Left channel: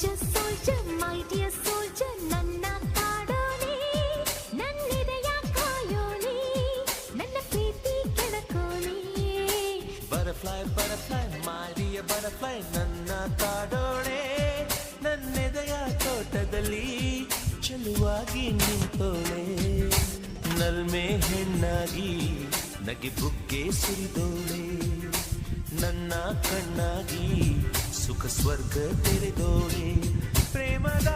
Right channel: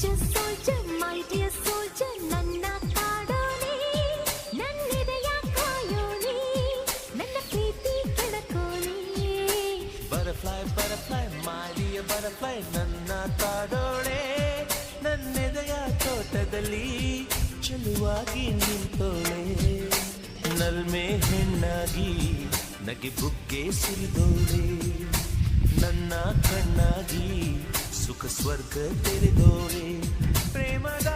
soldier soldier my dear soldier ನನ್ನ ಕಾಡೋನೆ ನನ್ನಿದೆಯ ಕಾಯೋನೆ ನನ್ನ ಪ್ರೀತಿ ಕೆಣಕೋನೆ butterfly butterfly my dear butterfly ನನ್ನ ಕಾಡೋಣೆ ನನ್ನೆದೆಯ ತೋಟದಲ್ಲಿ ಚೆಲುವಾಗಿ ನಿಂತೋಳೆ ನಲ್ಮೆ ಹೆಣ್ಣಾಗಿ ನಗೆ ಬುಗ್ಗೆ ಸುರಿದೋಳೆ ನನ್ನ ಕಣ್ಣಾಗಿ ಸುಖ ಸ್ವರ್ಗ ತೆರೆದೋಳೆ ಪ್ರೇಮದ